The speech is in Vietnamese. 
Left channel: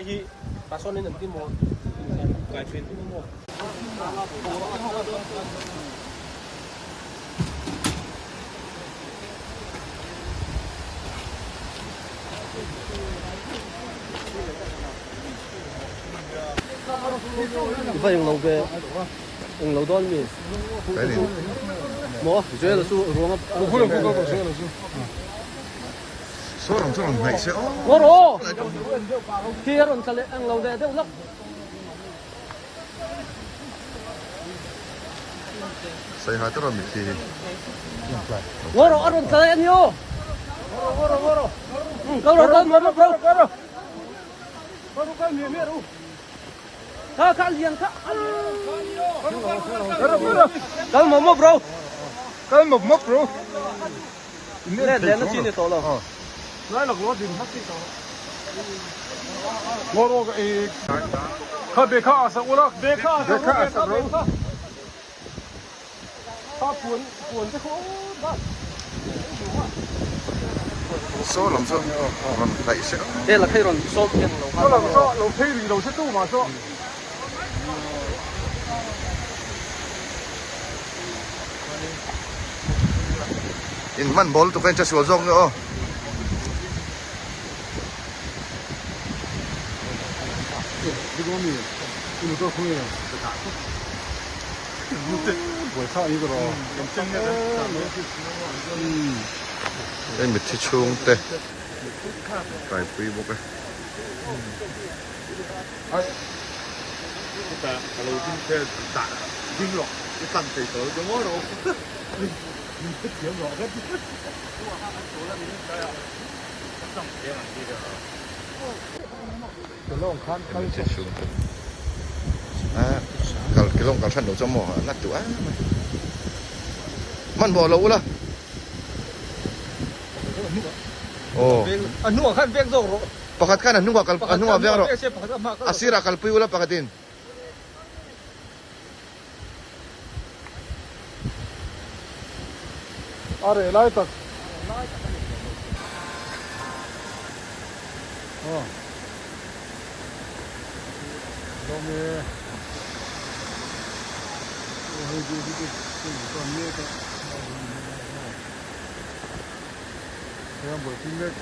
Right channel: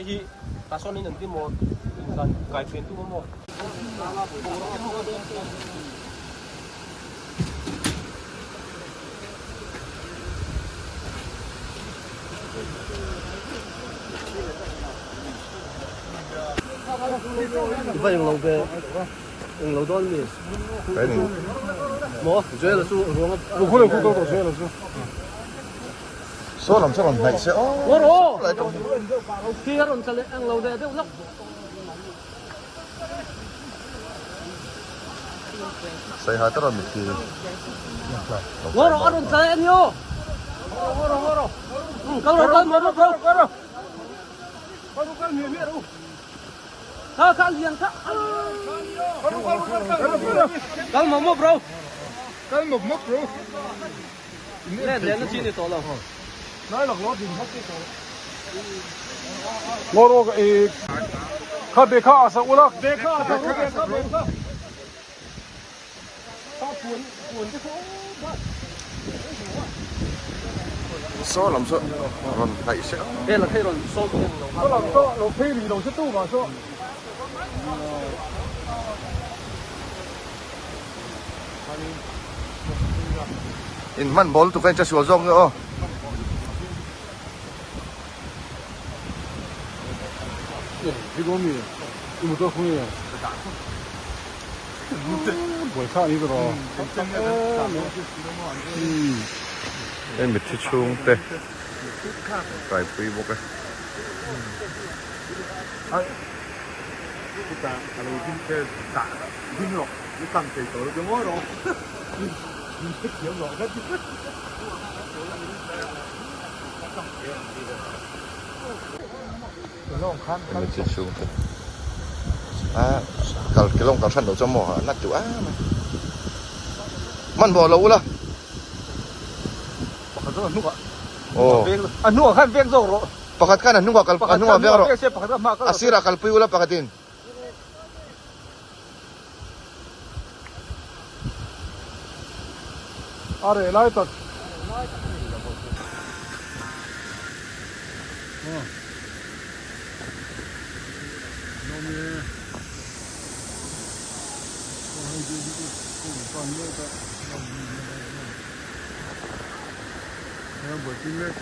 Eji pasó en el último phải dùng lầu đó mình cái này mua dễ là su ruộng số làm này sẽ mua đồ kia rồi sẽ ăn lầu đây đấy lắm đây hai tao làm gì mua đồ ăn sẽ ăn nhiều câu đồ mua đồ Kak liang kak. Kau mau mau bro. Cái một mốc rồi. Nè nó kia này to rồi. Nói là nó thì hấp cái đó. Nó rồi cái khá bê khá sao ula bê khá sao bê khá. Ta cuốn cái khổ đó. số làm sao còn này sẽ Đây là cái rồi số. Nó làm sao nó thay vì nó sẽ tu mà sao. in man bol tụi cái cha sửa rong nữa em bị thiệt chung tê phải bì một cái Kalau kita tak bingung, ikan tu kalau jauh orang, jauh orang kan. em bị thiệt chung tê cái lông cái thân đầu cho mỏ nát chỗ á mày man bò lâu了 oh Anu kan biang zong lo. pakat kan anu gak biang ro asira kalpi ula pakatin Are lai tot.